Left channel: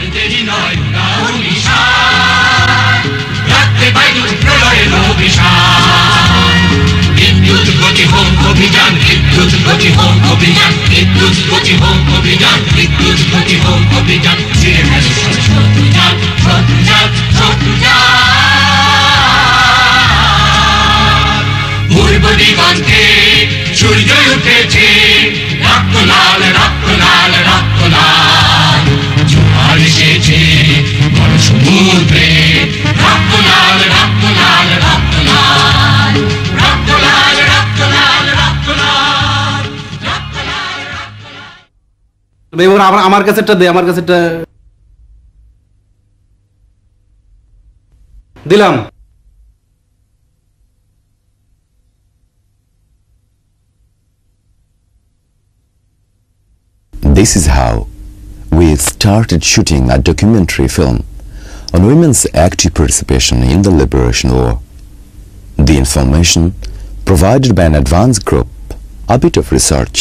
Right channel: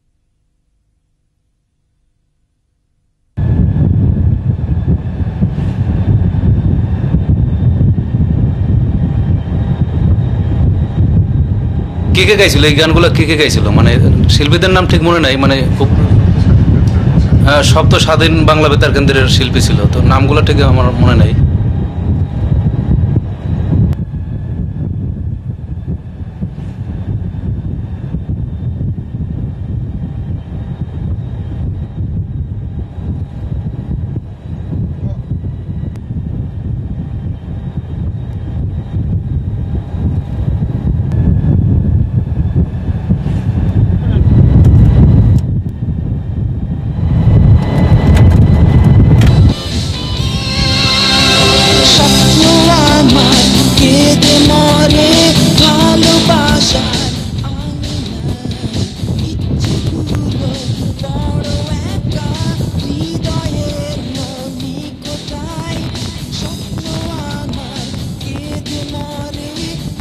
কে গাইছিল এই গানগুলো? কে গাইছিল? মানে শিল্পীদের নাম খুব মনে নাই, মানে সব তো স্বাধীন বাংলা বেতার কেন্দ্রের শিল্পী ছিল, নামগুলো থেকে আমার মনে নাই। আমার কাছেটা দে, আমার কাছেটা দিলাম। This is how we started shooting a documentary film on women's active participation in the liberation war. The information provided by an advanced group, a bit of research,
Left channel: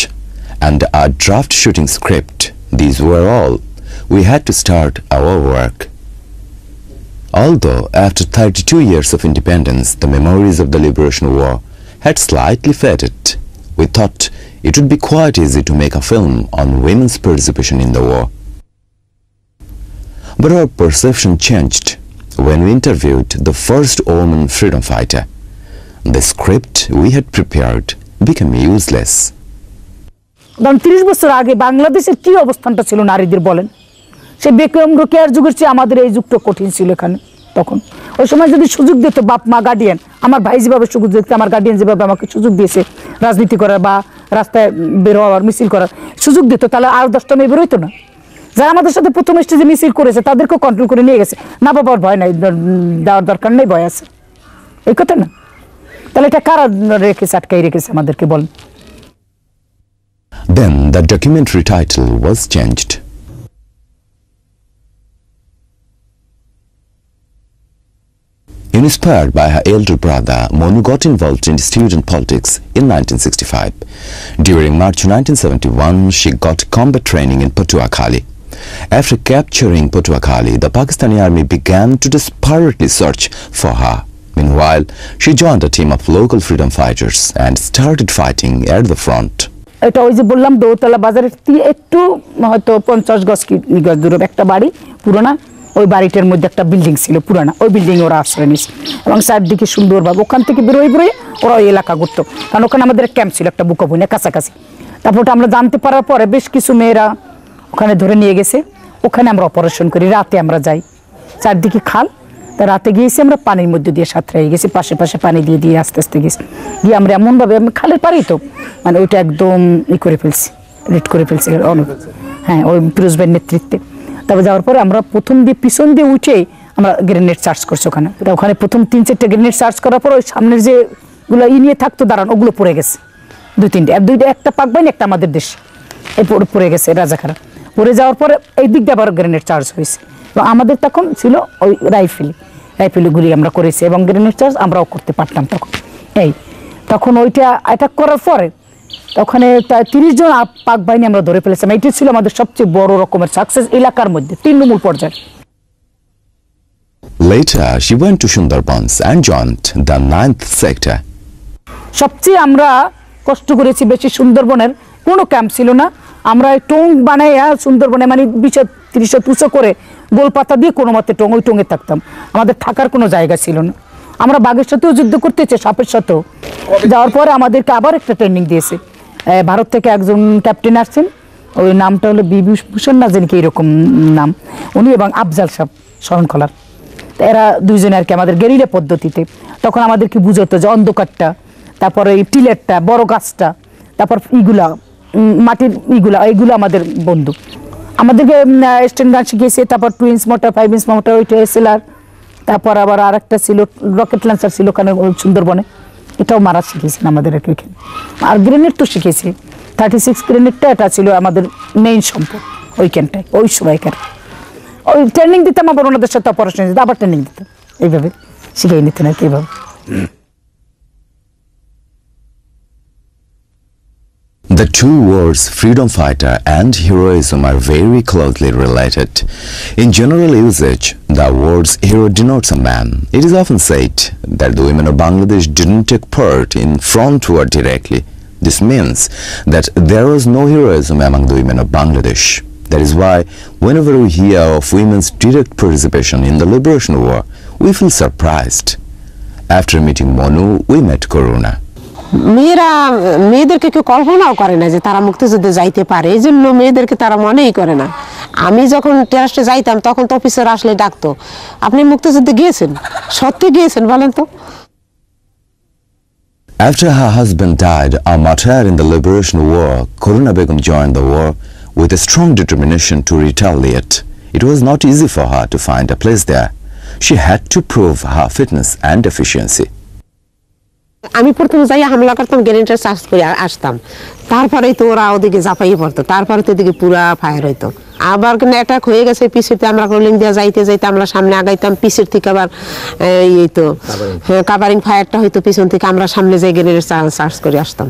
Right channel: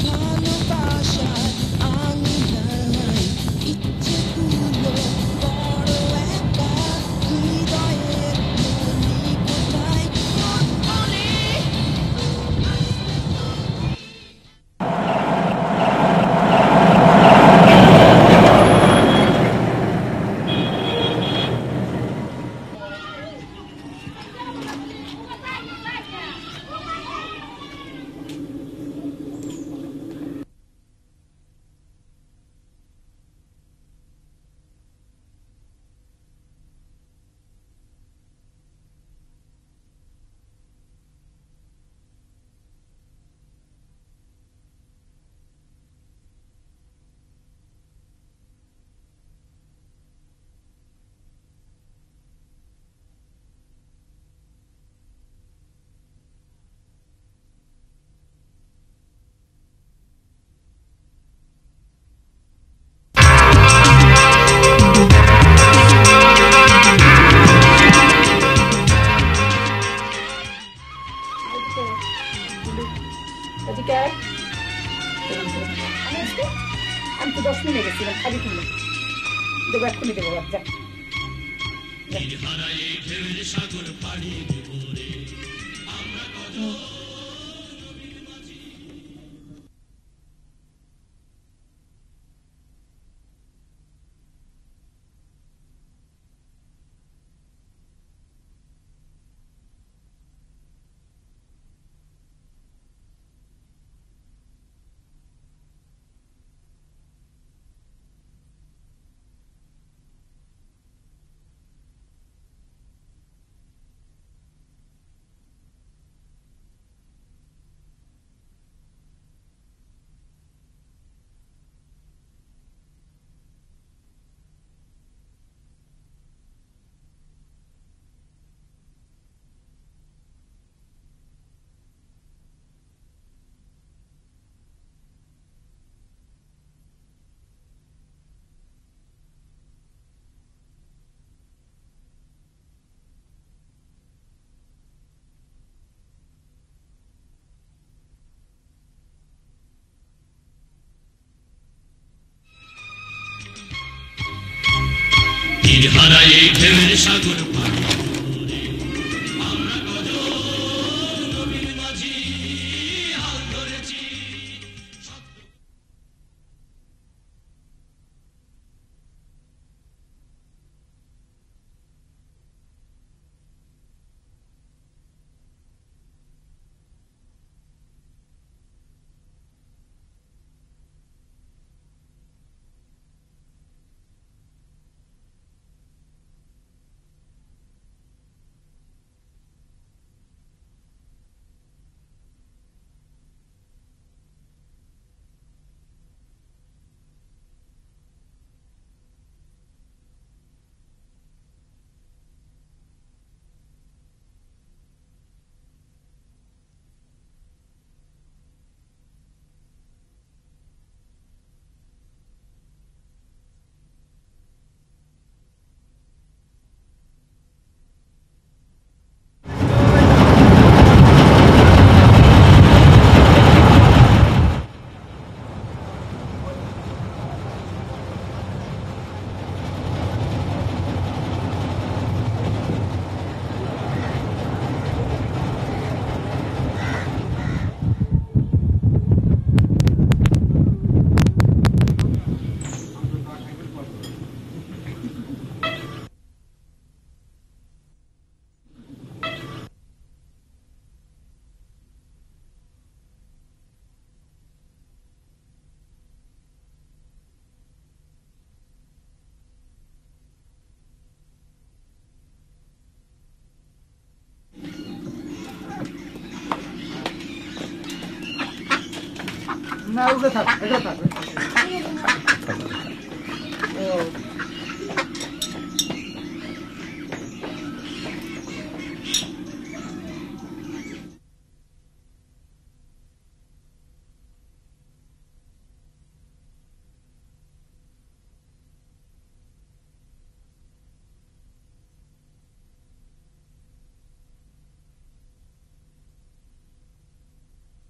and a draft shooting script. These were all we had to start our work. Although after 32 years of independence, the memories of the Liberation War had slightly faded, we thought it would be quite easy to make a film on women's participation in the war. But our perception changed when we interviewed the first woman freedom fighter. The script we had prepared became useless. 30 বছর আগে বাংলাদেশের কি অবস্থানটা ছিল নারীদের বলেন? সে বিক্রম রোকেয়ার যুগের চেয়ে আমাদের এই যুগটা কঠিন ছিল এখানে। তখন ওই সময় যদি সুযোগ দিত বাপ মা গার্ডিয়ান, আমার ভাই যেভাবে সুযোগ দিতে, আমার গার্ডিয়ান যেভাবে আমাকে সুযোগ দিয়েছে রাজনীতি করার বা রাস্তায় বের হওয়ার মিছিল করার সুযোগ দিত, তাহলে আর 10টা মেয়ে বেরোইতো না। যারা আমাদের সাথে প্রথম স্টেজে মিছিল করেছে তাদেরকেও কন্ট্রোল করে নিয়ে গেছে। না বাবার ভয় নাই, দেওয়ার দরকার নেই, ভয় আছে, এই কথা না। তাহলে এটা কারা রেখেছে, আটকাই রেখেছে আমাদেরকে বলেন? Then the documentary title was changed. Inspired by her elder brother, Monu got involved in student politics in 1965. During March 1971, she got combat training in Patuakhali. After capturing Patuakhali, the Pakistani army began to desperately search for her. Meanwhile, she joined a team of local freedom fighters and started fighting at the front. এটা ওই যে বললাম দৌতলা বাজারের একটু হয়তো 50 গজ দূরে একটা বাড়ি পুরোনা, ওই বাড়িটার মধ্যে একটা বিল্ডিং ছিল পুরানা, ওই বিল্ডিং ওরা আশ্রয় নিয়েছে এবং চারদিকে সুন্দরভাবে ওখান থেকে বেরোয় ওরা ওই এলাকা ঘুরতো, কারণ ওখানে আমাদের ক্যাম্প ছিল একটা বুকাবুনে কাছাকাছি। তারপর ওটা আমরা জানতে পারার পরে বেশ কিছু মেয়েরা ওখানে ধরে নিয়ে গেছে, ওখানে আমরা অপারেশন করি। রাতে আমরা যাই, চারদিকে খাল, তা রাতে গিয়েছি আমরা পানির মধ্যে দিয়ে সাঁতরে গেছি, পাশে পাশে পানি দিয়ে দিয়ে আস্তে আস্তে গেছি, গিয়ে আমরা এমনভাবে আমি খালের পারি তো মানে ওইটা একদম করে ফেলছি, রেড করে ফেলছি অনেক, হ্যাঁ ওই ফিরোজ ভাইয়ের নেতৃত্বে। তারপর যাওয়ার পরে আমরা প্রথম দিয়ে পিছন দিয়ে উঠে আমরা গ্রেনেড চার্জ করছি ওখানে। ওখানে প্রথম 3-4টা গ্রেনেড চার্জ করার পর ওই সামনের যেগুলো নিয়ে থাকতো দাঁড়ানো ওগুলো পড়ে গেছে, 2-3টা, একটা পাক বাইনি একটা আমাদের দেশ, এই পড়ে গেছে রাজাখারা। পড়ে যাওয়ার পরে এই দিক দিয়ে আবার গ্রেনেড চার্জ হয়েছে এবং আমাদের তখন ছিল ওই রাইফেলে গুলি আমরা করেছি এবং গ্রেনেড চার্জ আমরাও করতে পারতাম তখন। তখন ওইটা অ্যাটাক করার পরে ওখানে 30 জন পাক বাহিনী আমরা ধরে ফেলেছিলাম। এইটা ছিল আমাদের সবচেয়ে বড় রকমের সাকসেস এলাকার মধ্যে 3 নম্বর পর্যায়ে। Later she went to Sundarbans and joined the 9th sector. সবচেয়ে আমরা কষ্ট করেছি বেশি, সুন্দরবনের কোনো ক্যাম্প ছিল না, আমরা টং বানাইয়া সুন্দরবনে মানে 20-30 তুষো করে গোল পাতা দিয়ে কোনো মতে ওই টঙে থাকতাম, আমাদের থাকার কোনো জায়গা ছিল না। আমরা বাঘের সাথেও যুদ্ধ করতে চেয়ে সাপের সাথেও। যাওয়ার পরে আমাদেরকে আবার একটা ট্রেনিং দিয়েছে, ভারত থেকে একজন ক্যাপ্টেন আসছেন, ওই নামটা হলো বিভূষণ না জানি কি এরকম নাম, উনি এবং আফজাল সাহেব শরণখলার, এরা দুইজনে আর কি আমাদের গেরিলা পদ্ধতিতে তখন আমাদেরকে বুঝতো যে অন্ধকারটা, তারপরে এই টিলেরটা, বড় গাছটা, তারপর ইগুলা মাটির এইগুলো আমাদের বন্ধু। আমাদেরকে স্ট্যান্ড গান শিখিয়েছে, তারপর 2 ইঞ্চ মোটর, 5 ইঞ্চ মোটর, ওইটা এসএলআর, তারপর আবার আরেকটা ছিল রকেট লঞ্চার ছিল ওখানে সুন্দরবনে, এটাও মারা শিখিয়েছেন আমাদের আর কি। আর গ্রেনেড তো শিখেছি, 36 গ্রেনেডটা এটা ছিল আমাদের মেইন সম্পদ ওইখানটায়, ওই সময়কার ওই ট্রেনিং দিতাম, আবার ওনাদের সাথে অপারেশন দিতাম, আবার ট্রেনিং দিতাম, এইভাবে শিখিয়ে নিতেন আর কি এইভাবে। The two words freedom fighter and heroism are very closely related. In general usage, the words hero denotes a man. It is often said that the women of Bangladesh didn't take part in front war directly. This means that there was no heroism among the women of Bangladesh. That is why whenever we hear of women's direct participation in the liberation war, we feel surprised. After meeting Monu, we met Coruna. মেয়েদেরকে কেউ কল্পনাও করে না যে তারা মুক্তিযুদ্ধে যাইতে পারে, এই জন্য মেয়েদেরকে তারা মনেই করে না। আমি যখন টেরাস্টে যাইতাম তখন তো অফিসার আসলে ডাকতো, আপনি মুক্তিযুদ্ধে গিয়েছেন? সত্যি গিয়েছেন বলেন তো? After her husband died a martyr in the liberation war, Coruna Begum joined the war with a strong determination to retaliate. It was not easy for her to find a place there. She had to prove her fitness and efficiency. আমি প্রথমে যাই হামলা করতাম, গ্রেনেডের charge করে আসতাম, তারপরেই তো ওরা ওদিকে ঝাঁপাইয়ে পড়তো, তারপরে তো এদিকে পুরা ফায়ার হইতো। আবার কিন্তু অ্যাটাক হয়ে গেছে পিছেতে, আমরা রোলিং দিয়ে যাইতে যাইতে আমরা সামনে আগাইতাম, পিছের থেকে আবার এই তো কাভারিং ফায়ারটা হইতো পিছন থেকে, আমরা সামনে যাই গ্রেনেডের চার্জ করে আসতাম।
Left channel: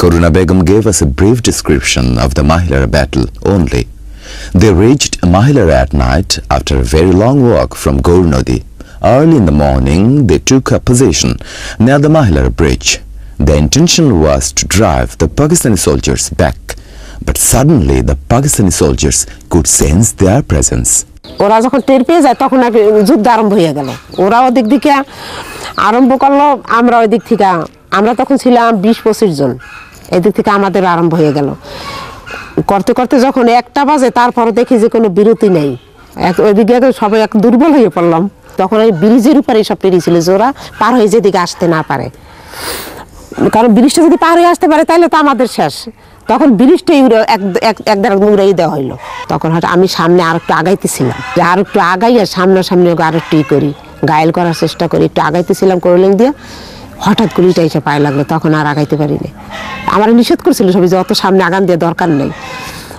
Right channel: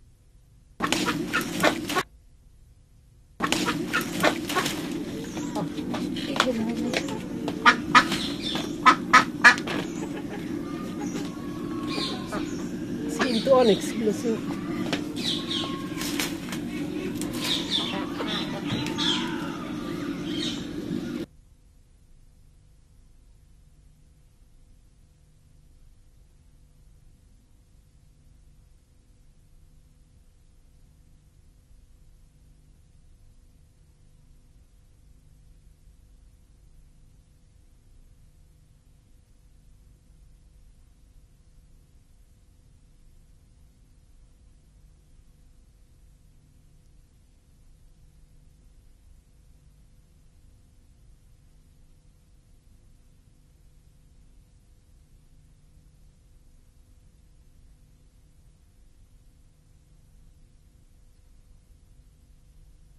Coruna Begum gave us a brief description of the Mahilara battle only. They reached Mahilara at night after a very long walk from Gaur Nodi. Early in the morning, they took a position near the Mahilara bridge. The intention was to drive the Pakistani soldiers back, but suddenly the Pakistani soldiers could sense their presence. ওরা যখন টের পেয়ে যায় তখন যুদ্ধ আরম্ভ হয়ে গেল। ওরা ওদিক দিকে আরম্ভ করলো, আমরা ওই দিক থেকে, আমরা তখন ছিলাম 20-25 জন, এদিক থেকে আমাদের আরম্ভ হয়ে গেল। করতে করতে যখন 1টা বাজে তারপর দেখি যে কোনো বিরতি নেই, ওইদিকে সবাই এক দুর্বল হয়ে পড়লাম। তখন ওই ব্রিজের উপরে সব পেরিয়েছিল যে ওরা পার হয়ে যেদিকে আসতে না পারে, কারণ ব্রিজটা যদি পার হয়ে আসতে পারে তাহলে তো আমাদের শেষ। তখন ব্রিজটাই এক দ্বারা উড়াই দেওয়া হইলো। তখন হয়তো আমি সামনে আর একটু আগাইতেছিলাম, যে আর একটু আগাই আর সামনাসামনি আর একটু করি, ঘায়েল করার চেষ্টা করি, একটু আগাইতেছিলাম করলেন দিয়ে, হঠাৎ গুলিটা এসে পায়ে লাগলো, তখন আর আগাইতে পারিনি। আমার নিষেধ করছিল সবাই যে অত সামনে আগান দিয়ে দরকার নেই।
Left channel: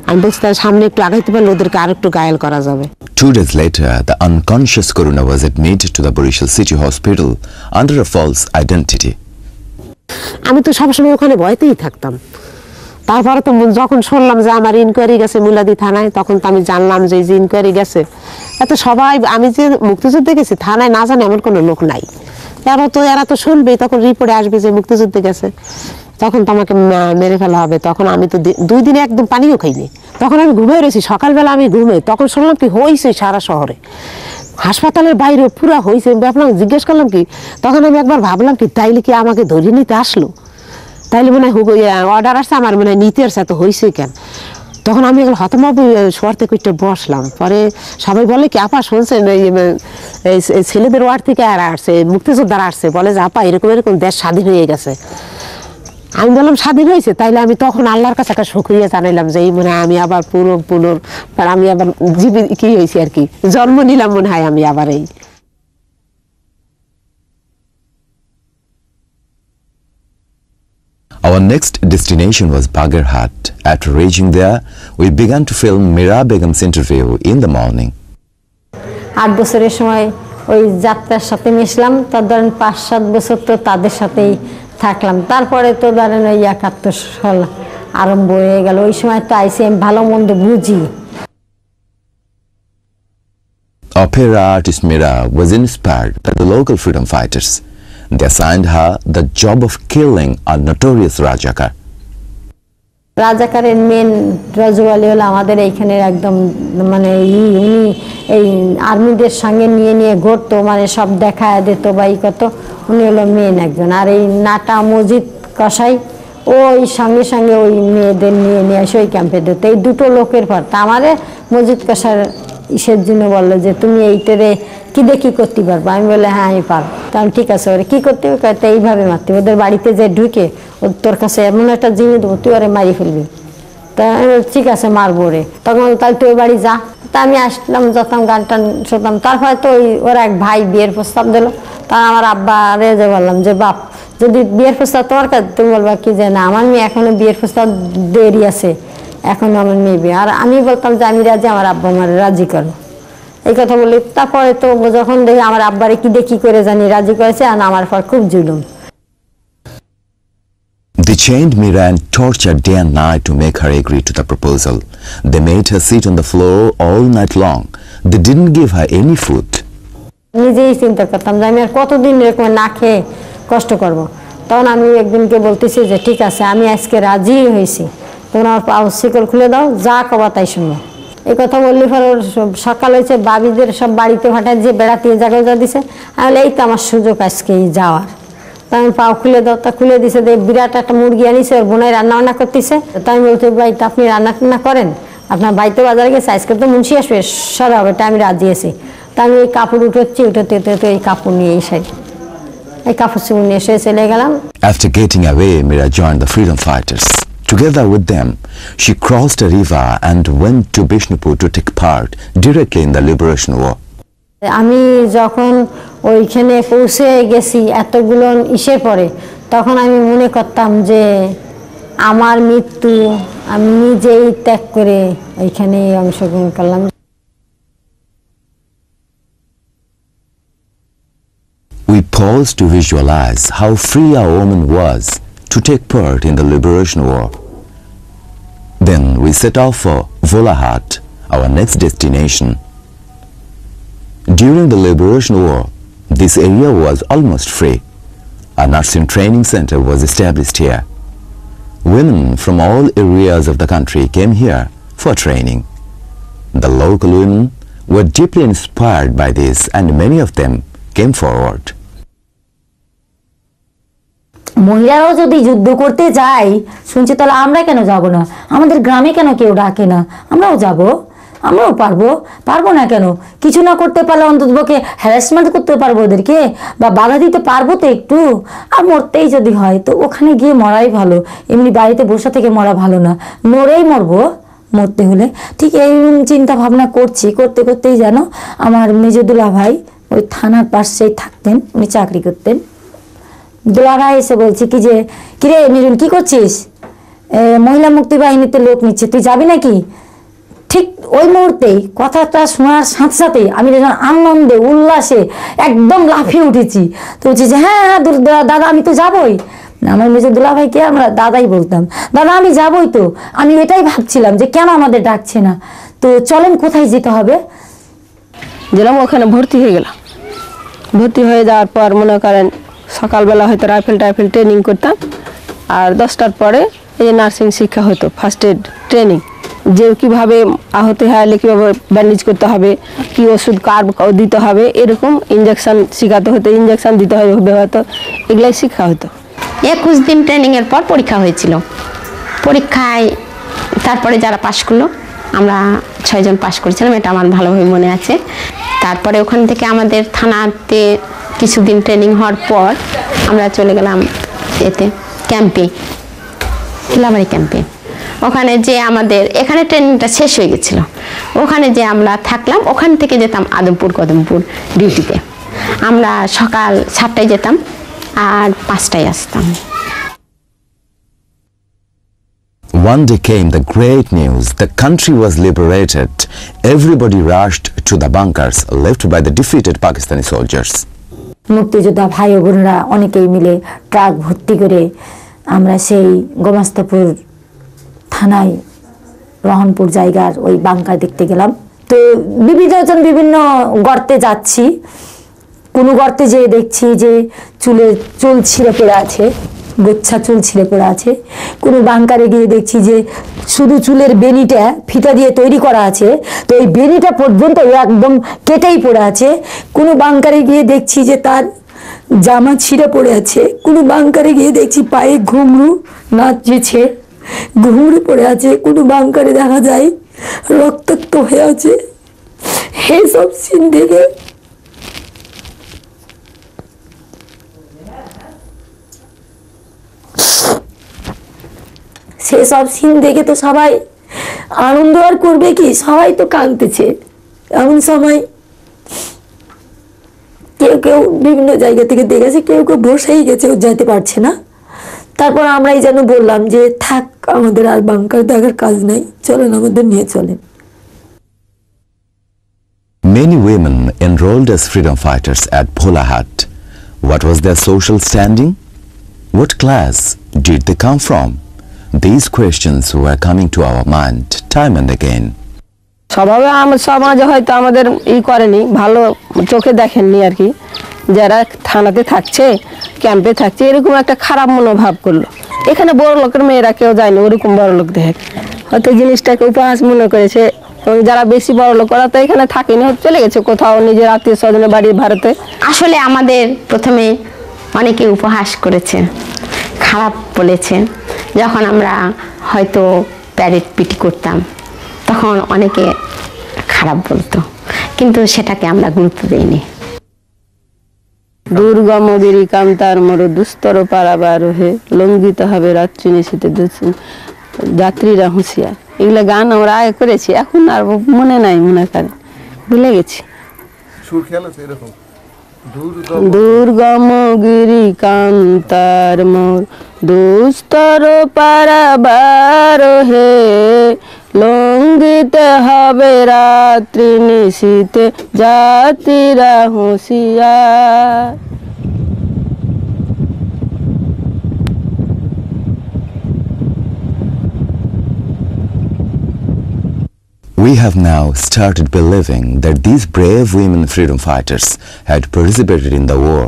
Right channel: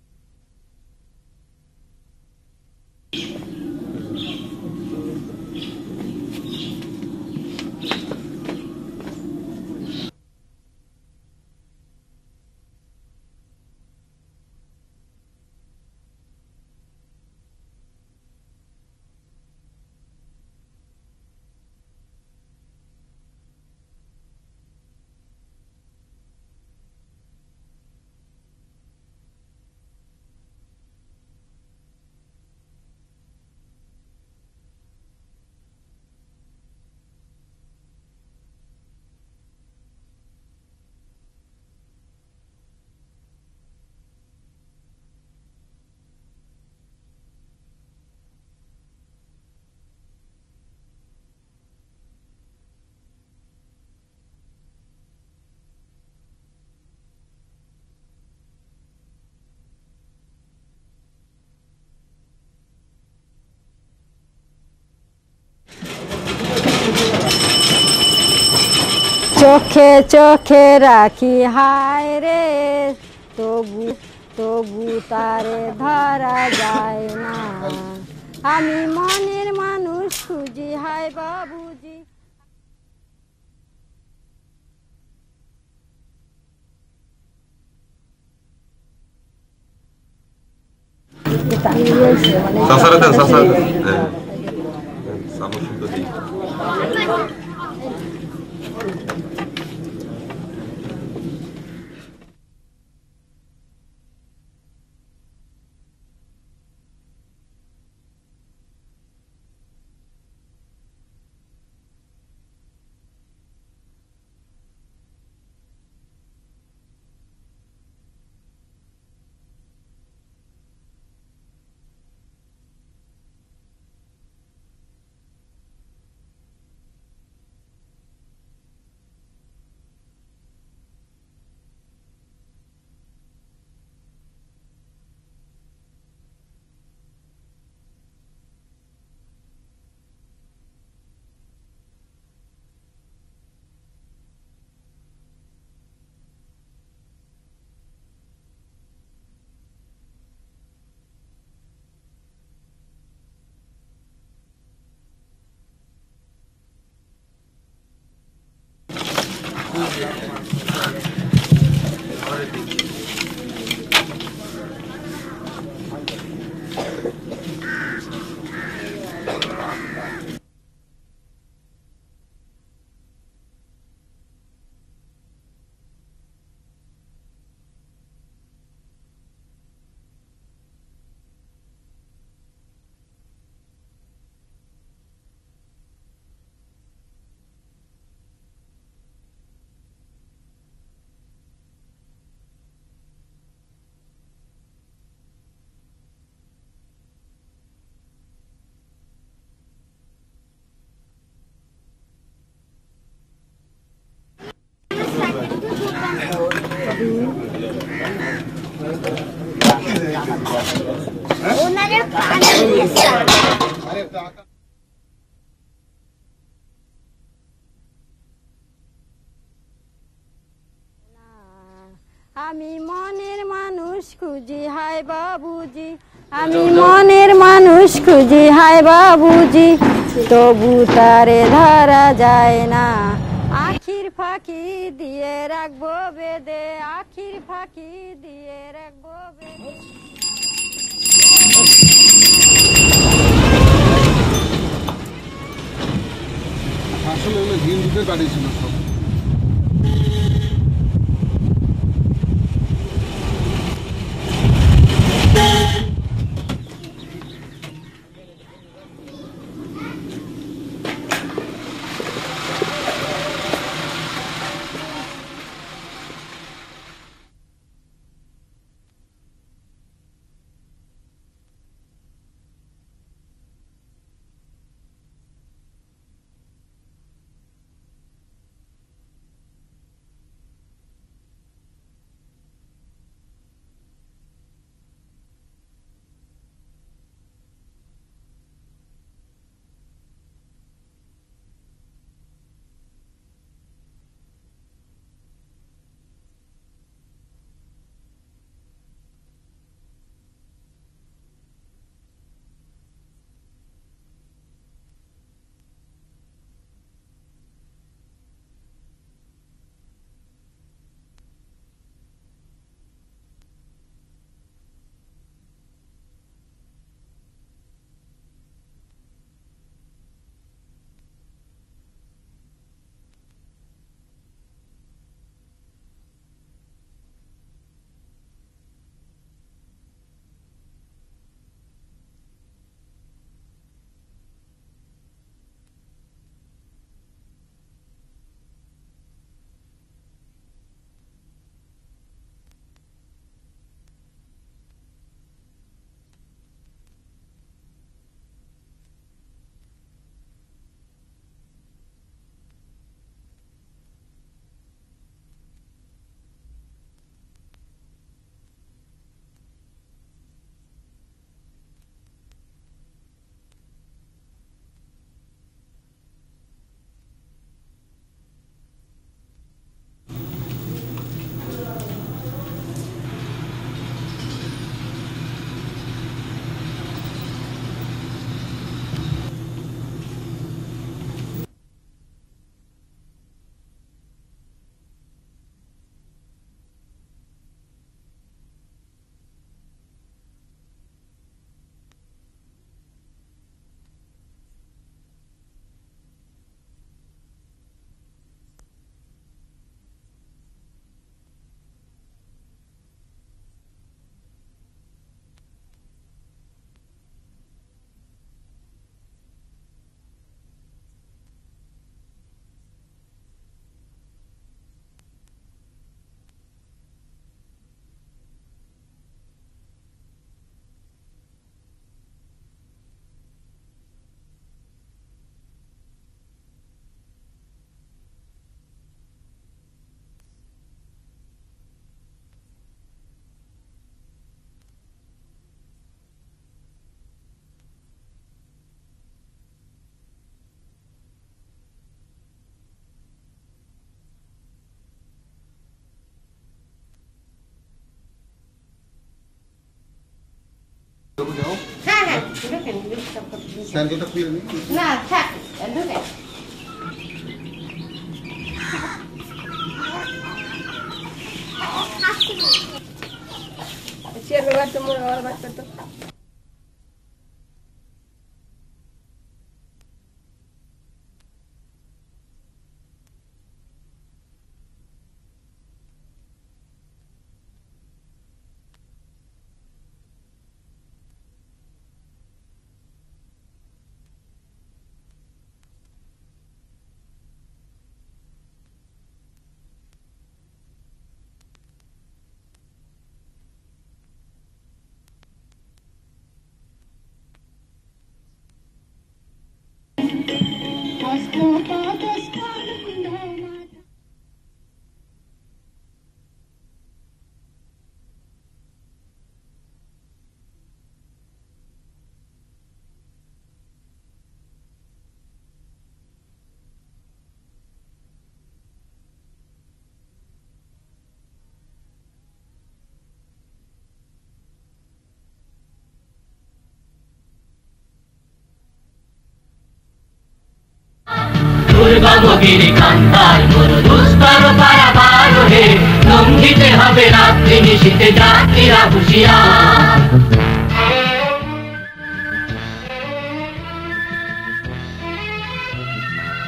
আমি বলছি তার সামনে একটু আগাইতে পারলে ওদেরকে আর একটু ঘায়েল করা যাবে। 2 days later, the unconscious Coruna was admitted to the Barishal City Hospital under a false identity. আমি তো সবসময় ওখানে ভয়তেই থাকতাম। তারপরে তো যখন শুনলাম যে আমার ইনকোয়ারি গেছে মুলাদি থানায়, তখন তো আমি জানলাম যে ইনকোয়ারি গেছে। এত সবাই, আমি যে মুক্তিযুদ্ধে গেছি থানায় না জানে এমন কোনো লোক নাই। এরা তো শুনবেই, তখন রিপোর্টে আসবে যে মুক্তিযুদ্ধে গেছে, তখন তো আমাকে মেরে ফেলা হবে। তখন আমি তো 2 দিনে একদম পানিও খাইনি। তখন আমি ঘুমিয়ে রয়েছি, সকালবেলা আমি ঘুমে তখন শুনলাম কি হয়েছে সারা শহরে, হাসপাতালের বাইরে পুরা হয়েছে। ভাবলাম, জিজ্ঞেস করলাম কি, তখন আমি একবার ভাবলাম কি তাইলে কি আমাকে ধরে নিতে আসলো, তাইলে মনে হয় অর্ডার আসছে আমার, মনে হয় নিতে আসছে, এত হয়েছে কেন। তখন আমি এগুলো হতমব শোয়ার থেকে একটু বসলাম। পরে সবাই বলে কি আপা শুনছেন এই ছেলেদের ওয়ার্ড থেকে আর আসছে, মুক্তিযোদ্ধারা আসছে, বলে যে আপা এরকম এরকম দেশ স্বাধীন হয়ে গেছে। আমি বললাম স্বাধীন হয়েছে, তাইলে আমি তখন আল্লাহর কাছে একটা শুকরিয়া জানাইলাম যে এই মনে হয় আমি আবার আমি আবার কি হয়েছি আর কি, জন্ম নিলাম মনে হয় আমি আবার। এই Our next destination was Bagarhat. After reaching there, we began to film Mira Begum's interview in the morning. 8 বছরের সময় ওই যাত্রার সাথে মিশলাম, তো ধরেন 5-7 বছর তো তাদের সাথেই থাকলাম। তারপরে তো ধরেন ওই 71 সাল আরম্ভ হয়ে গেল। ওই সময় তো আইসি আমি ভালো মন্দ বুঝি। Opera artist Mira was inspired by the local freedom fighters. They assigned her the job of killing a notorious Rajakar. রাজাকারের মেন রাজওয়ালি হলো আমাদের এইখানের একদম মানে উনি এই আর্মিদের সঙ্গে নিয়ে ঘুরতো, মানে সব দেখায় দিত বা ই কত, উনি হলো মেন একজন। আর এই নাটা মসজিদ কসাই ওই সঙ্গে সঙ্গে ওই মেয়েদের নিয়ে এসে ওই ক্যাম্পে দিত। এই দুটো লোকের পর তা আমারে মসজিদ কসার ইসের জন্য বললো যে তুমি এইটারে কি দেখি করতে পারবো। আমি বলে হ্যাঁ আমি পারবো। তাহলে ঠিক আছে, ওরে কী করতে হবে, তো এইভাবে মারতে, ওদের বাড়িতে যে ঢুকে তোর কাছে এমন একটা জিনিস দেবো তুই ওরে মারি ফেলবি। তা আমি ঠিক আছে মারবো রে। তখন তাহলে তুই বাড়ি যা। তা আমি আসলাম, যখন গান টান শুনতাম। তারপরে তো ওর এক ভাই বিয়ের প্রস্তাব দিল। তা আমার আব্বা রেজে বললাম যে বাপ যদি বিয়ের প্রস্তাব তোমার কাছে, তুমি বলবা কি যে না আমার মেয়ে এখনো বিয়ের প্রস্তাব দেরি আছে, এখনো আমার মেয়ে বিয়ে। আর আমি বলতাম যে আমি রাজি, আমার আব্বা আমার রাজি করো, এই কথা বলি। তারপরে তো যখন দেখি আমার আব্বারে কি দেখি করে জানি রাজি করেছে, আর আমার পর খুব জুলুম। They chained Mira and tortured day and night to make her agree to the proposal. They made her sit on the floor all night long. They didn't give her any food. নিজেই চিন্তা করতাম যে আমি আর কতদিন এরকম না খেয়ে কষ্ট করব। তখন আমি একদিনকে বলতেছি যে ঠিক আছে আমি আজকে রাজি হয়েছি, তোমার পাও শিকল খুলে দাও, যা কবা তাই শুনবো। এই কথা বললি পরে সকাল হয়েছে, বাবিদের সব বাড়িতে হঠাৎ যে বেড়াতে জায়গায় যা দিছে, তাহলে এই তো আমার সুযোগ আজকে যাওয়ার। তাই আমি পাও খুলে দাও, তা খুলে দিছে, বিরাট একটা মুরগি আনিছে, ওর বোনাই রান্না বান্না করতেছে। তাই আমি বলছি ভাই আপনি রান্না টান্না করেন, আপনার বাড়িতে বাজারে গেছে, আজকে তো মুন্সি আসবে, সরা হবে, আমি রাজি আছি। তা আমি এই কাপড় উঠোচ্ছি, উঠোতে এই কাপড় নিয়ে এসে এই কাপড় চুপড় নিয়ে এসে চলে গেলাম। After getting away, Mira joined the freedom fighters. Together with them, she crossed a river and went to Bishnupur to take part directly in the liberation war. আমি যখন ওইখানে পৌঁছে গেছি এতগুলো ইসের পরে, তখন আমি মনে করতাম যে আমার মৃত্যু আমি নিজেই ত্যাগ করে ওইখানে অংশগ্রহণ করলাম। মনের মানুষ খুঁজি হায় বাবুজি, তবু তারে ধরা We paused to visualize how free our woman was to take part in the liberation war. Then we set off for Volahat, our next destination. During the liberation war, this area was almost free. A nursing training center was established here. Women from all areas of the country came here for training. The local women were deeply inspired by this, and many of them came forward. মহিলারাও যদি যুদ্ধ করতে যায় শুনছি, তাহলে আমরা কেন যাব না? আমাদের গ্রামে কেন কেউ ডাকে না? আমরাও যাব, আমরাও পারবো না কেন? কিছু না করতে পারলে অন্ততপক্ষে হ্যারাসমেন্ট করতে পারবো ওদেরকে, বা বাধা দিতে পারবো তো একটু। আর মরতেই যদি হয় তো ওখানে গিয়ে মরাই ভালো, এমনি বাড়িতে বসে থেকে মরা ভালো না, মরেই মরবো মরতে হলে। ঠিক এই চিন্তা ভাবনা করতে করতেই যেন আমার মেজো দুলাভাই ওই থানার পাশেই থাকতেন, উনি চাকরি করতেন। দুলাভাই এসে বলছি কি যে কিরে নিরুন কি করছিস, মহিলা মুক্তি বাহিনীতে লোক নিচ্ছে, তুই যাবি নাকি? ঠিক ওই মুহূর্তেই কথাটা শোনার সাথে সাথে আমি যখন আনন্দে উল্লাসে একদম লাফিয়ে উঠেছি। তো বলছি যে হ্যাঁ দাদা আমি তো যাবই। আমার মেজো দুলাভাইকে আমরা দাদাই বলতাম, দাদা আমি যাবই তো। আমি এটাই ভাবছিলাম যে কেন আমাদের ডাকছে না, তো চলেন কোথায় যেতে হবে। গেলাম ওখানে ভর্তি হয়ে গেলাম। ভর্তি হয়ে যাওয়ার পর মনে করেন সকালবেলা হয়তো রাইফেল ট্রেনিং করতাম, আর 10টার পরে এই নার্সিং শিক্ষা হতো, ফার্স্ট এড ট্রেনিং, যে কীভাবে আহত হলে কীভাবে ব্যান্ডেজ করতে হবে, কী ওষুধ কার দিতে হবে, এরকম ইঞ্জেকশান শেখাতে হতো, ইঞ্জেকশান দিতে হবে হয়তো, এগুলাই শিক্ষা হতো। 21 দিন ট্রেনিংয়ের পর পরীক্ষা হয়েছিল। পরীক্ষায় তারপরে যারা পাশ করলো, আমরা 6 জন পাশ করেছিলাম, এটা আমার ভালোভাবে মনে আছে। তারপরে ওখান থেকে আমাদের থানাতে কিছুদিন ট্রেনিং হওয়ার পর আমরা চলে গেলাম ক্যাম্পে, হিলাবাড়ি ক্যাম্পে। ওখানে যে আমাদের এখানে ট্রেনিংটা শেষ হয়ে গেছিলো, ওখানে যে আমরা থাকলাম, ওখান থেকে যেতাম কদমপুর ডিউটিতে। আমরা সকাল 7টায় যেতাম আর 5টায় আসতাম। One day came the great news. The country was liberated. Everybody rushed to the bunkers left by the defeated Pakistani soldiers. মুক্তিযোদ্ধা ভাই ও বোনরা অনেকেই মিলে ট্রাক ভর্তি করে আমরা সেই গোমাস্তাপুর থানায় রহনপুর জায়গার ওই বাংকার দেখতে গেলাম। তো বিভিন্ন গর্তে যাচ্ছি, কোনো গর্তে যেয়ে দেখছি যে চুল ছিঁড়ে পড়ে আছে, গোচ্ছা চুল ছিঁড়ে পড়ে আছে। কোনো বাংকারে গিয়ে দেখছি যে শুধু চুলের বেনিটা ফিতা দিয়ে তৈরি করা আছে, তো ওই বেনিটা পর্যন্ত একদম কেটেই পড়ে আছে। কোনো বাংকারে গিয়ে দেখছি যে তার জামা ছিঁড়ে পড়ে আছে। কোনো বাংকারে গিয়ে দেখছি পায়ে ঘুঙরু নাচছে, ঘুঙরু পড়ে আছে। কোনো বাংকারে দেখা যায় রক্তাক্ত হয়ে আছে। এইসব সিন দেখে সেসব সিন দেখে তো সবাই আনন্দ আর করবে কি, সবাই তো কাঁদতেছে। এমন সময় কেউ বিভিন্ন জায়গা থেকে দেখেছে, কেউ বসেই গেছে, ও যেতে পারছে না। তারপর আমরাই যেন বললাম যে থাক, আমাদের আর বাংকার দেখার কাজ নাই, চলেন আমাদের নিয়ে চলেন। Many women enrolled as freedom fighters at Bholahat. What was their social standing? What class did they come from? These questions were coming to our mind time and again. স্বভাবে আমার সমাজে হয়তো আমাদের করেনি, ভালো চোখে দেখেননি আর কি। যারা থানাতে থাকছে, ক্যাম্পে থাকছে, এরকম একটা খারাপ মনোভাব করলো। এখানে বড় লোকের মেয়েরা কেউ যায়নি ওরকম বড় লোক দেখে, হয়তো জিনিসটাকে উপহাস মনে করেছে। এবং যারা বেশি বড় লোক ওরা তো এখানে থাকেনি, চলে গেছে কোথাও নিজের আত্মীয় স্বজনের বাড়ি ভারতে। আসলে আমাদের প্রথমে অনেকে উপহাস করেছে, খারাপ বলেছে। যখন আমরা হয়তো প্যারেড পিটি করতাম তখন অনেকে খারাপ বলতো, কিন্তু সেটাকে আমরা গুরুত্ব দিইনি। দুর্গম গিরি কান্তার মোর দুস্তর পারাবার হে, লঙ্ঘিত হবে রাত্রি নিশীতে যাত্রীরা হুঁশিয়ার। এগুলো গান আমরা আগে করেছি, এখন আর মনে নাই, মনে করে ভুলে গেছি। দুর্গম গিরি কান্তার মোর দুস্তর পারাবার হে, লঙ্ঘিতে হবে রাত্রি নিশীতে যাত্রীরা হুঁশিয়ার। দুর্গম গিরি কান্তার মোর দুস্তর পারাবার হে, লঙ্ঘিতে হবে রাত্রি নিশীতে যাত্রীরা হুঁশিয়ার। We have now started believing that these brave women freedom fighters had participated in the war,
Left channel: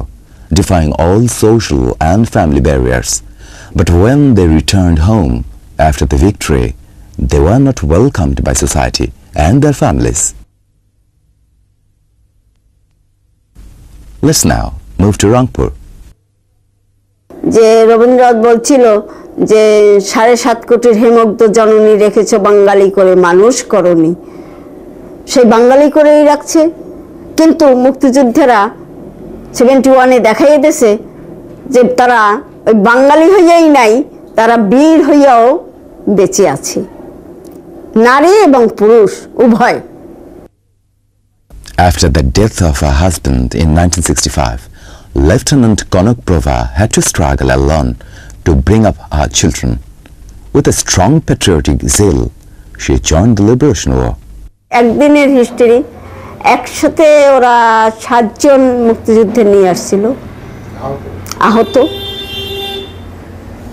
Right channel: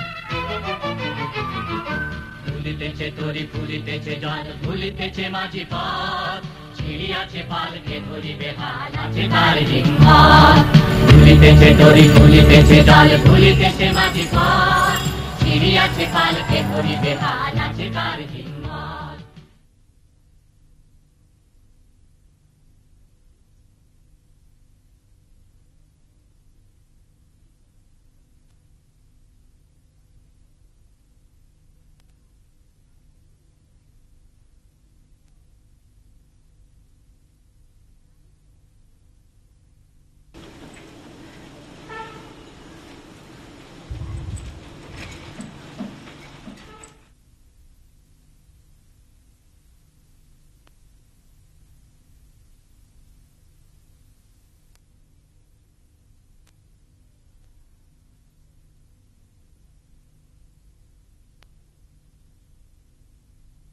defying all social and family barriers. But when they returned home after the victory, they were not welcomed by society and their families. Let's now move to Rangpur. যে রবীন্দ্রনাথ বলছিল যে 7.5 কোটির হেমগ্ধ জননী রেখেছ বাঙালি করে মানুষ করনি, সেই বাঙালি করেই রাখছে। কিন্তু মুক্তিযুদ্ধেরা 71-এ দেখাই দিয়েছে যে তারা ওই বাঙালি হইয়াই নাই, তারা বীর হইয়াও বেঁচে আছে, নারী এবং পুরুষ উভয়। After the death of her husband in 1965, Lieutenant Konuk Prova had to struggle alone to bring up her children. With a strong patriotic zeal, she joined the Liberation War. একদিনের হিস্ট্রি, একসাথে ওরা 7 জন মুক্তিযুদ্ধে নিয়ে আসছিল আহত।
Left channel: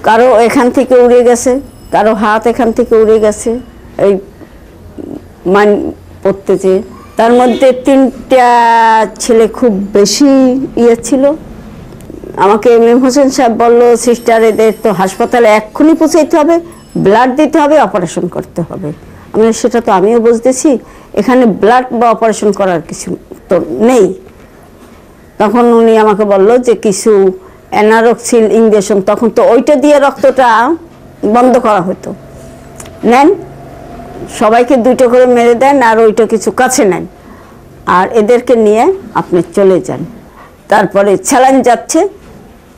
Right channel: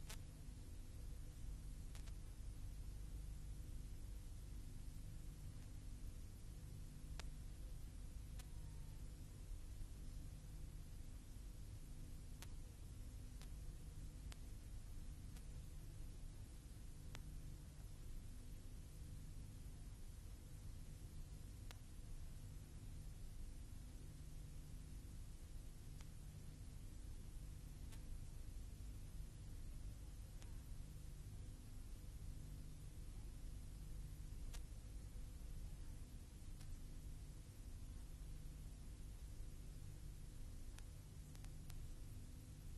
কারো এখান থেকে উড়ে গেছে, কারো হাত এখান থেকে উড়ে গেছে এই মান পড়তে যেয়ে। তার মধ্যে 3টা ছেলে খুব বেশি ছিল। আমাকে এম হোসেন সাহেব বললো, সিস্টার এদের তো হাসপাতালে এক্ষুনি পৌঁছাইতে হবে, ব্লাড দিতে হবে, অপারেশন করতে হবে। আমি সেটা তো আমিও বুঝতেছি, এখানে ব্লাড বা অপারেশন করার কিছু তো নেই। তখন উনি আমাকে বললো যে কিছু অ্যানারক্সিল ইঞ্জেকশন, তখন তো ওইটা দিয়ে রক্তটা বন্ধ করা হতো, নেন সবাইকে 2টা করে মেরে দেন আর ওইটা কিছু কাছে নেন, আর এদেরকে নিয়ে আপনি চলে যান। তারপরে স্যালাইন যাচ্ছে,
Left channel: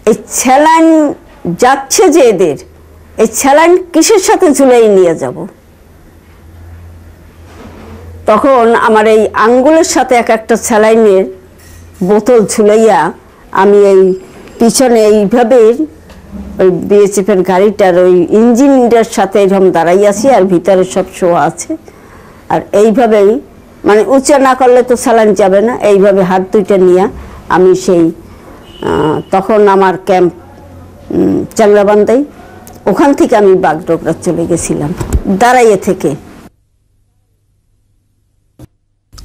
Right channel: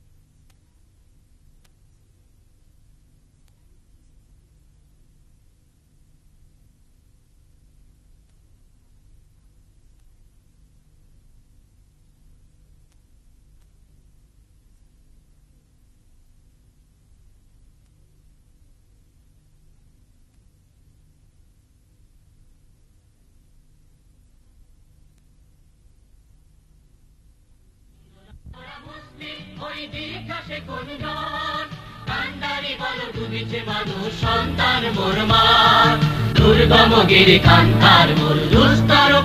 এই স্যালাইন যাচ্ছে যে এদের, এই স্যালাইন কিসের সাথে ঝুলাই নিয়ে যাব। তখন আমার এই আঙ্গুলের সাথে একটা স্যালাইনের বোতল ঝুলাইয়া আমি এই পিছনে এইভাবে ওই বিএসএফের গাড়িটার ওই ইঞ্জিনটার সাথে এরকম দাঁড়াই আছি, আর ভিতরে সব শোয়া আছে। আর এইভাবেই মানে উঁচা না করলে তো স্যালাইন যাবে না, এইভাবে হাত 2টা নিয়ে আমি সেই তখন আমার ক্যাম্প চাংরাবান্ধাই, ওখান থেকে আমি বাগডোগরা চলে গেছিলাম দাঁড়াইয়ে থেকে।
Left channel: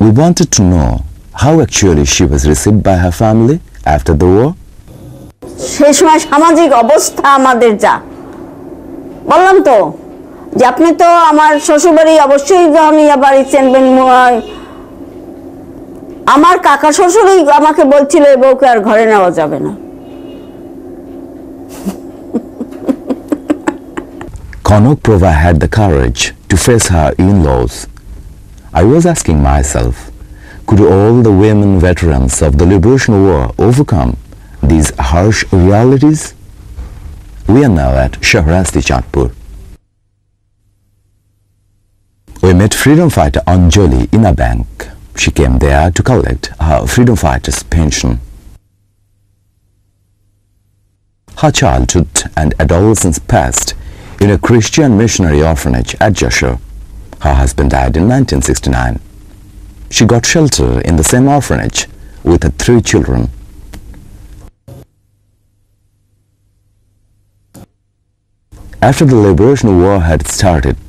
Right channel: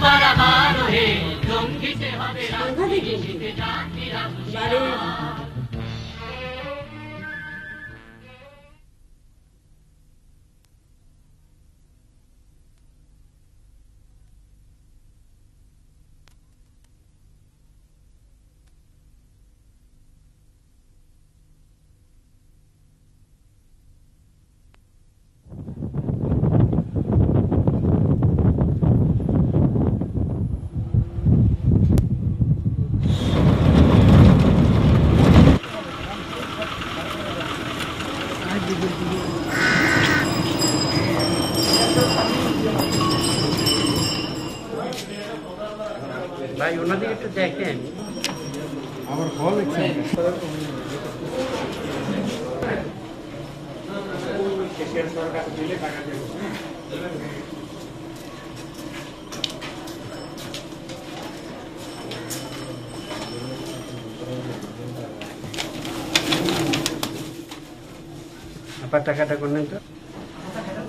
We wanted to know how actually she was received by her family after the war. সেই সময় সামাজিক অবস্থা আমাদের যা বললাম তো, যে আপনি তো আমার শ্বশুরবাড়ি অবশ্যই যখন বাড়ি চেনবেন, আমার কাকা শ্বশুরই আমাকে বলছিল এই বউকে আর ঘরে নেওয়া যাবে না। Konuk Prova had the courage to face her in-laws. I was asking myself, could all the women veterans of the Liberation War overcome these harsh realities? We are now at Shahrasti Chandpur. We met freedom fighter Onjoli in a bank. She came there to collect her freedom fighter's pension. Her childhood and adolescence passed in a Christian missionary orphanage at Jashore. Her husband died in 1969. She got shelter in the same orphanage with her 3 children. After the liberation war had started,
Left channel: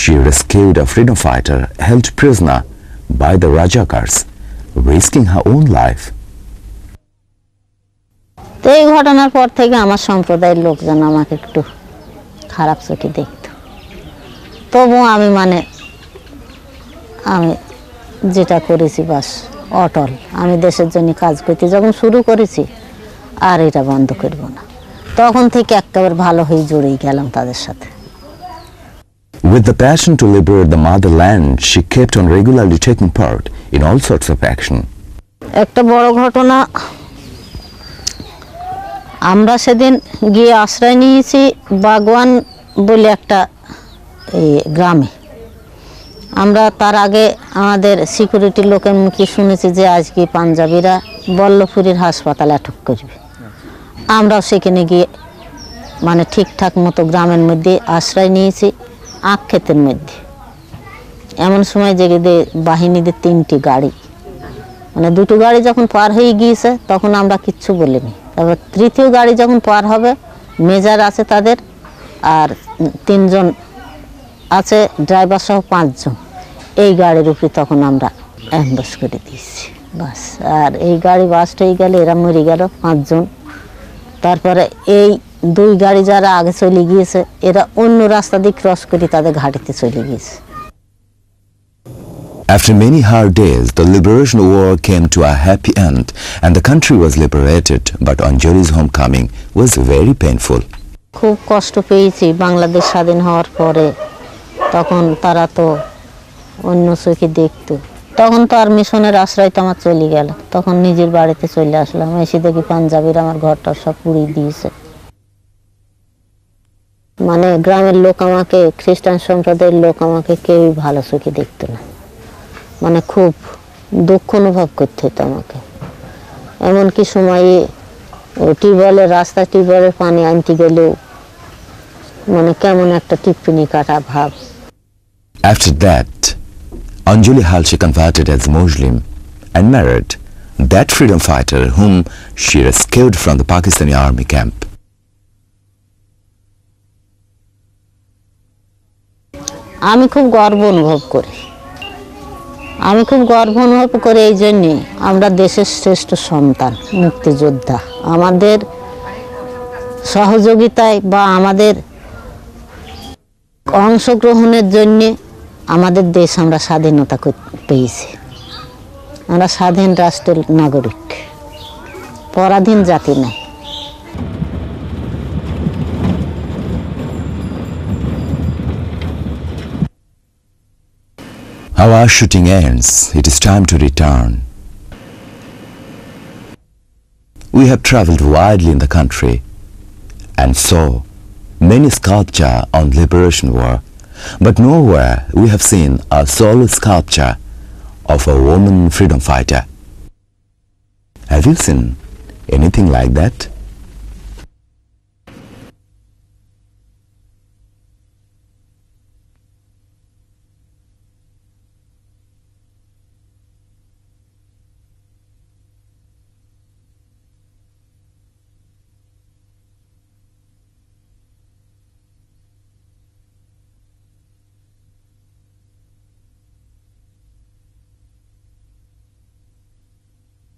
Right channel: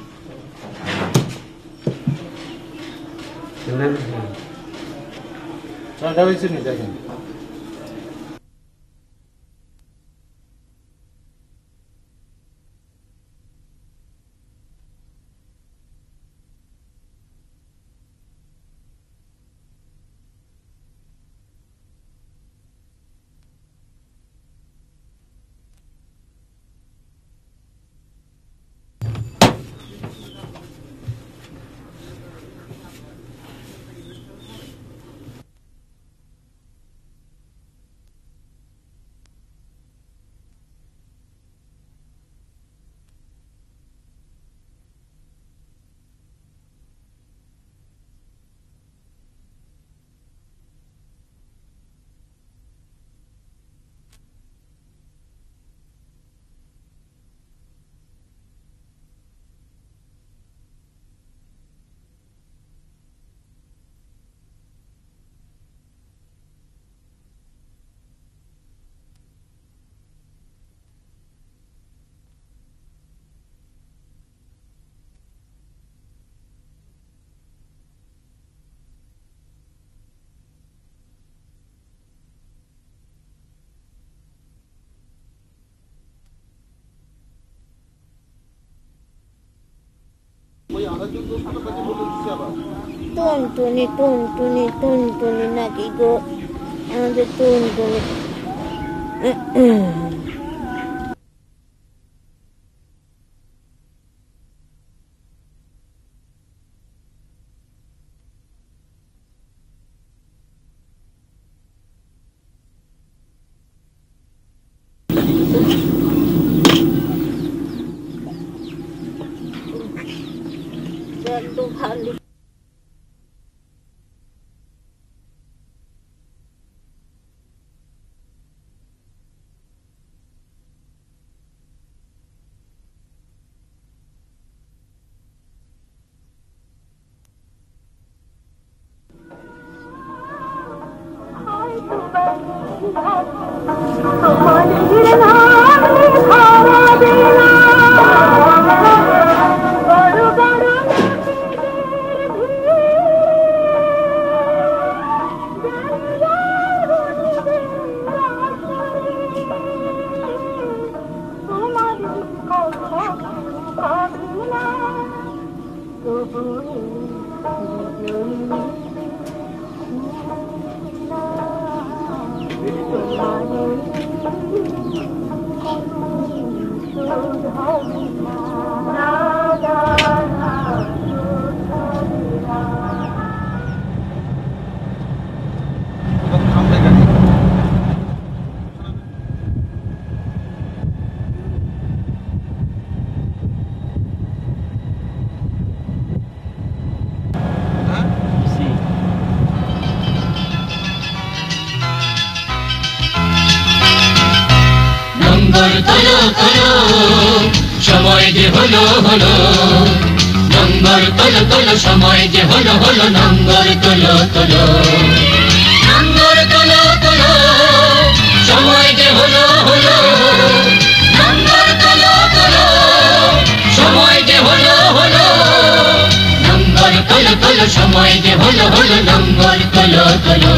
she rescued a freedom fighter held prisoner by the Rajakars, risking her own life. তো এই ঘটনার পর থেকে আমার সম্প্রদায়ের লোকজন আমাকে একটু খারাপ চোখে দেখতো। তবু আমি আমি যেটা করেছি বাস অটল। আমি দেশের জন্য কাজ করতে যখন শুরু করেছি আর এটা বন্ধ করব না। তখন থেকে একেবারে ভালো হয়ে জড়িয়ে গেলাম তাদের সাথে। With the passion to liberate the motherland, she kept on regularly taking part in all sorts of action. একটা বড় ঘটনা, আমরা সেদিন গিয়ে আশ্রয় নিয়েছি বাগওয়ান বলে একটা গ্রামে। আমরা তার আগে আমাদের সিকিউরিটির লোকের মুখে শুনেছি যে আজকে পাঞ্জাবিরা বল্লভপুরের হাসপাতালে আটক করবে। আমরাও সেখানে গিয়ে ঠিকঠাক মতো গ্রামের মধ্যে আশ্রয় নিয়েছি আখ ক্ষেতের মধ্যে। এমন সময় জেগে বাহিনীদের 3টি গাড়ি, দুটো গাড়ি যখন পার হয়ে গিয়েছে তখন আমরা কিচ্ছু বলিনি। তারপর 3য় গাড়ি যখন পার হবে, মেজর আছে তাদের আর 3 জন আছে, ড্রাইভার সহ 5 জন। এই গাড়ির উপরে তখন আমরা অ্যাম্বাস করে দিয়েছি বাস। আর এই গাড়ি বাস্ট হয়ে গেলে এরা মরে গেল 5 জন। তারপরে এই 2 গাড়ি যারা আগে চলে গিয়েছে এরা অন্য রাস্তা দিয়ে ক্রস করে তাদের ঘাটিতে চলে গিয়েছে। After many hard days, the liberation war came to a happy end and the country was liberated, but Onjoli's homecoming was very painful. খুব কষ্ট পেয়েছি বাংলাদেশ স্বাধীন হওয়ার পরে। তখন তারা তো অন্য চোখে দেখতো। তখন তো আর মিশনের আশ্রয় তো আমার চলে গেল। তখন নিজের বাড়িতে চলে আসলাম। এসে দেখি পাঞ্জাবিরা আমার ঘরটা সব পুড়িয়ে দিয়েছে। গ্রামের লোক আমাকে, খ্রিস্টান সম্প্রদায়ের লোক আমাকে কেউই ভালো চোখে দেখতো না। খুব দুঃখ অনুভব করতে হতো আমাকে। এমনকি সময়ে টিউবওয়েলের টিউবওয়েলের পানি আনতে গেলেও কেমন একটা টিপ্পনি কাটা ভাব। After that, Onjoli Halshi converted as Muslim and married that freedom fighter whom she rescued from the Pakistani army camp. আমি খুব গর্ব অনুভব করি। এই জন্যে আমরা দেশের শ্রেষ্ঠ সন্তান, মুক্তিযোদ্ধা। আমাদের সহযোগিতায় বা আমাদের অংশগ্রহণের জন্যে আমাদের দেশ আমরা স্বাধীনতা পেয়েছি। আমরা স্বাধীন রাষ্ট্রের নাগরিক, পরাধীন জাতি না। Our shooting ends. It is time to return. We have traveled widely in the country and saw many sculpture on liberation war, but nowhere we have seen a solo sculpture of a woman freedom fighter. Have you seen anything like that? Number tolo tolo, shomoy je holo holo. Number tolo tolo, shomoy je holo holo. Number tolo tolo. Number tolo tolo, shomoy je holo holo. Number tolo tolo, shomoy je holo holo. Number tolo tolo, shomoy je holo holo. Number tolo tolo.